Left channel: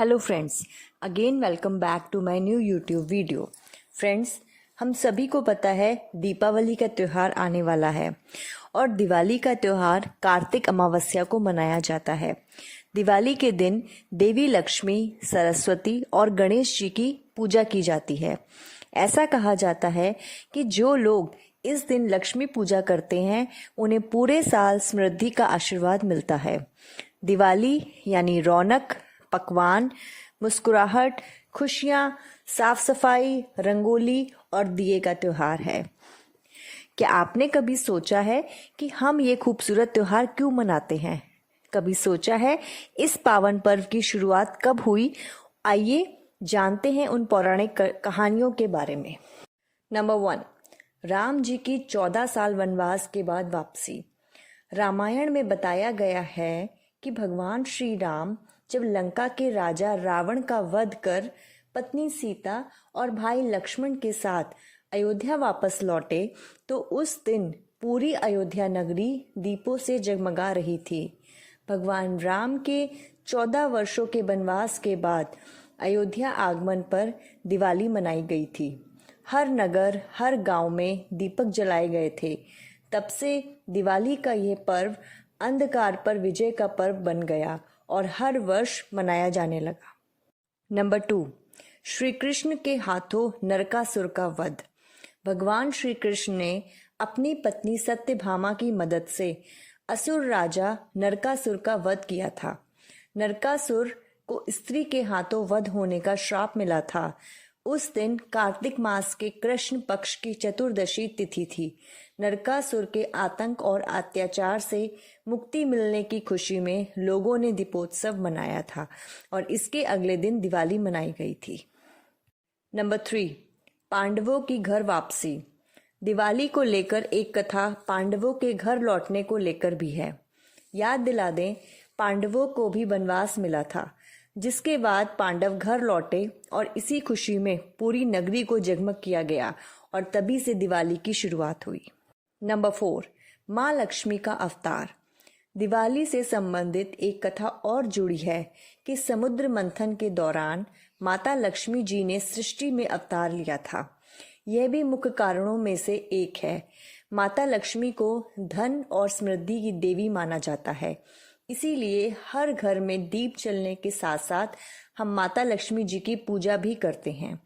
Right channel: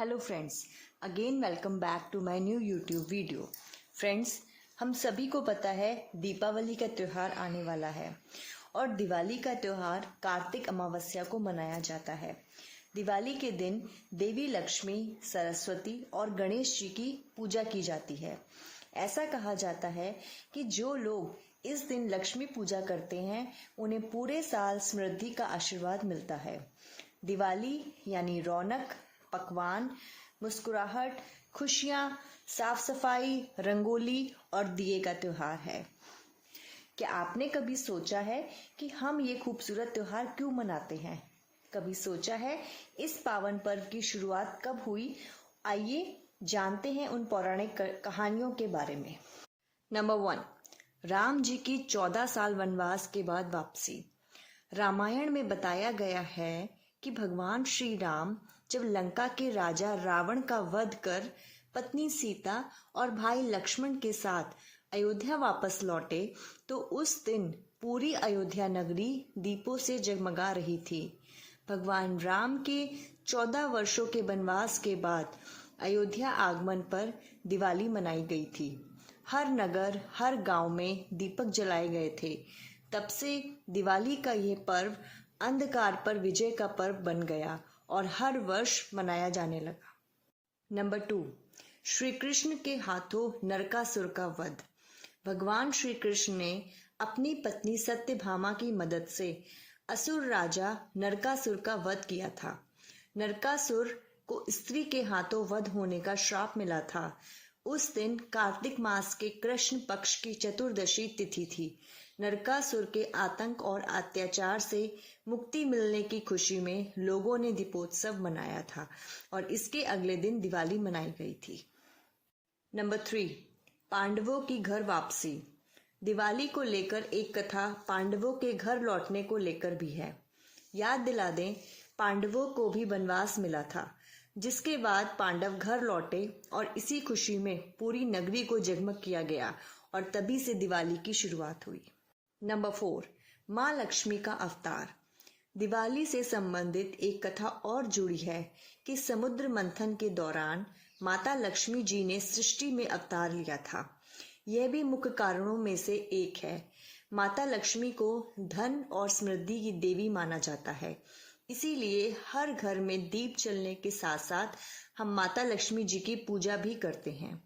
Hello friends, again welcome back to my new YouTube video. Friends, हम सभी को पता है दीपावली का त्यौहार आने वाला है और दिवाली का त्यौहार कार्तिक अमावस्या को मनाया जाता है। दिवाली के दिन देवी लक्ष्मी, सरस्वती और गणेश जी की पूजा की जाती है। ऐसा कहा जाता है कि जो लोग इस दिन लक्ष्मी पूजा करते हैं उन्हें पूरे साल समृद्धि का आशीर्वाद मिलता है। दिवाली यानी रौनक, पकवान, मुस्कुराहट, खुशियाँ, साफ सफाई, रंगोली और दिए का त्यौहार है। क्या आपने कभी सोचा है कि हम ये खूबसूरत त्यौहार क्यों मनाते हैं? कभी सोचा है इस पावन पर्व की शुरुआत कब हुई? आइए जानते हैं उन पौराणिक कहानियों के बारे में। नंबर 1, राम जी की 14 साल वनवास के बाद वापसी। रामायण में बताया गया है कि भगवान श्री राम जब लंका के राजा रावण का वध कर पत्नी सीता और भाई लक्ष्मण के साथ अयोध्या वापस लौटे तो उस दिन पूरी अयोध्या नगरी दीपों से जगमगा रही थी। भगवान राम के 14 वर्षों के वनवास के बाद अयोध्या आगमन पर दिवाली मनाई गई थी। हर नगर, हर गांव में दीपक जलाए गए थे। तब से दिवाली का यह पर्व अंधकार पर विजय का पर्व बन गया और हर वर्ष मनाया जाने लगा। नंबर 2, श्री कृष्ण के हाथों नरकासुर का वध। भगवान श्री कृष्ण ने अपनी पत्नी सत्यभामा की मदद से असुर राजा नरकासुर का वध किया था। नरकासुर को स्त्री के हाथों वध होने का श्राप मिला था। उस दिन कार्तिक मास के कृष्ण पक्ष की चतुर्दशी तिथि थी। नरकासुर के आतंक और अत्याचार से मुक्ति मिलने की खुशी में लोगों ने दीपोत्सव मनाया था और इसके अगले दिन दिवाली मनाई गई थी। नंबर 3, पांडवों की घर वापसी। दिवाली को लेकर एक कथा पांडवों के घर लौटने को लेकर भी है। याद दिला दें, पांडवों को भी वनवास मिला था, जिसके बाद पांडव घर लौटे और इसी खुशी में पूरी नगरी को जगमग किया गया और तभी से दिवाली की शुरुआत हुई। नंबर 4, माँ लक्ष्मी का अवतार। दिवाली से संबंधित एक कथा और जुड़ी है कि समुद्र मंथन के दौरान माता लक्ष्मी जी ने सृष्टि में अवतार लिया था। यह भी मुख्य कारणों में से एक है। माता लक्ष्मी को धन और समृद्धि की देवी माना जाता है, इसीलिए हर घर में दीप जलने के साथ साथ हम माता लक्ष्मी जी की पूजा भी करते हैं।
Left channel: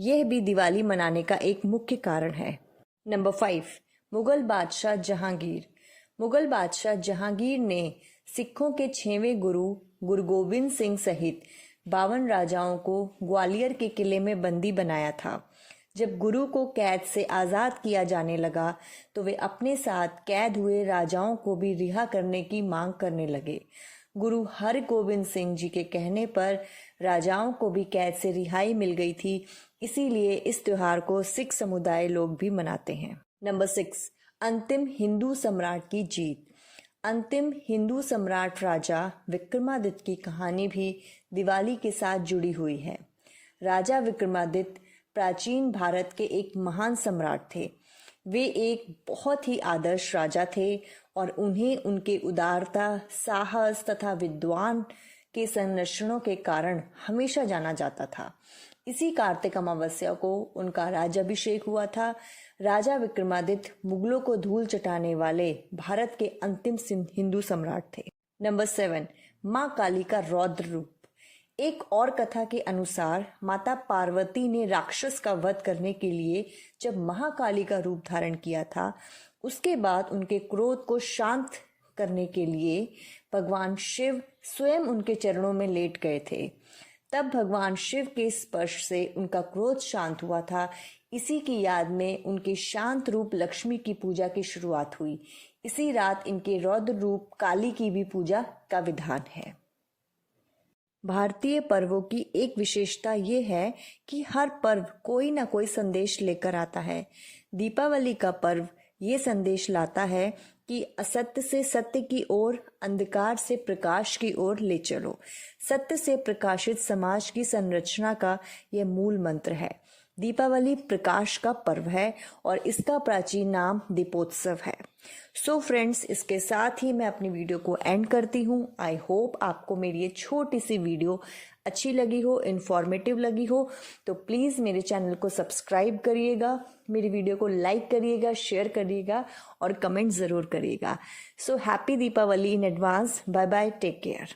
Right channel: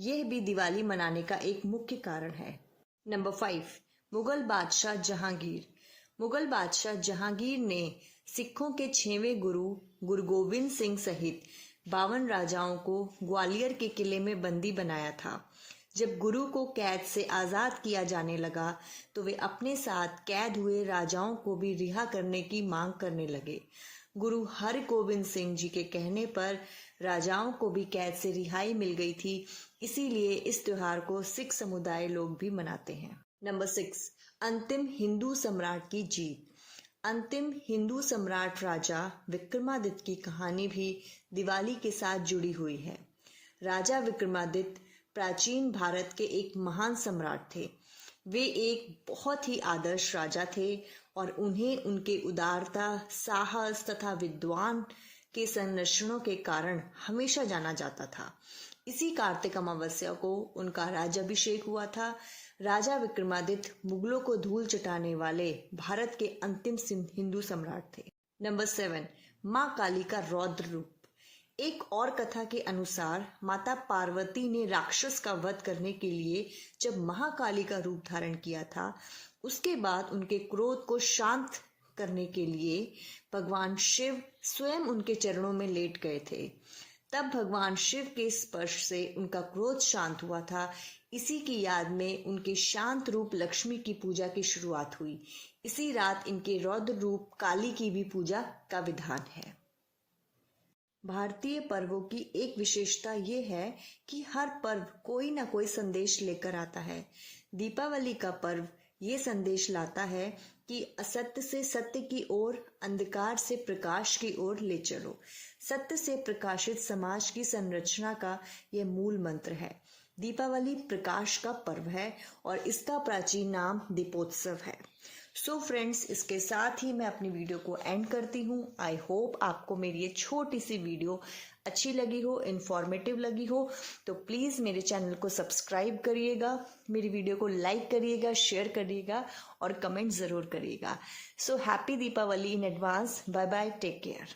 यह भी दिवाली मनाने का एक मुख्य कारण है। नंबर 5, मुगल बादशाह जहांगीर। मुगल बादशाह जहांगीर ने सिखों के 6वें गुरु गोविंद सिंह सहित 52 राजाओं को ग्वालियर के किले में बंदी बनाया था। जब गुरु को कैद से आज़ाद किया जाने लगा तो वे अपने साथ कैद हुए राजाओं को भी रिहा करने की मांग करने लगे। गुरु हरगोविंद सिंह जी के कहने पर राजाओं को भी कैद से रिहाई मिल गई थी, इसीलिए इस त्योहार को सिख समुदाय लोग भी मनाते हैं। नंबर 6, अंतिम हिंदू सम्राट की जीत। अंतिम हिंदू सम्राट राजा विक्रमादित्य की कहानी भी दिवाली के साथ जुड़ी हुई है। राजा विक्रमादित्य प्राचीन भारत के एक महान सम्राट थे। वे एक बहुत ही आदर्श राजा थे और उन्हें उनके उदारता, साहस तथा विद्वान के संरक्षणों के कारण हमेशा जाना जाता था। इसी कार्तिक अमावस्या को उनका राज्याभिषेक हुआ था। राजा विक्रमादित्य मुगलों को धूल चटाने वाले भारत के अंतिम हिंदू सम्राट थे। नंबर 7, माँ काली का रौद्र रूप। एक और कथा के अनुसार माता पार्वती ने राक्षस का वध करने के लिए जब महाकाली का रूप धारण किया था, उसके बाद उनके क्रोध को शांत करने के लिए भगवान शिव स्वयं उनके चरणों में लेट गए थे। तब भगवान शिव के स्पर्श से उनका क्रोध शांत हुआ था। इसी की याद में उनके शांत रूप लक्ष्मी की पूजा की शुरुआत हुई। इसी रात इनके रौद्र रूप काली की भी पूजा का विधान है। भारतीय पर्वों की एक विशेषता ये है कि हर पर्व कोई ना कोई संदेश लेकर आता है। दीपावली का पर्व ये संदेश लाता है कि असत्य से सत्य की ओर, अंधकार से प्रकाश की ओर ले चलो। सत्य से प्रकाशित समाज की संरचना का यह मूल मंत्र है। दीपावली प्रकाश का पर्व है और इसका प्राचीन नाम दीपोत्सव है। सो फ्रेंड्स, इसके साथ ही मैं अपनी वीडियो को एंड करती हूँ। आई होप आपको मेरी ये छोटी सी वीडियो अच्छी लगी हो, इन्फॉर्मेटिव लगी हो तो प्लीज़ मेरे चैनल को सब्सक्राइब करिएगा, मेरी वीडियो को लाइक करिएगा, शेयर करिएगा और कमेंट ज़रूर करिएगा। So happy Deepavali in advance. Bye bye, take care.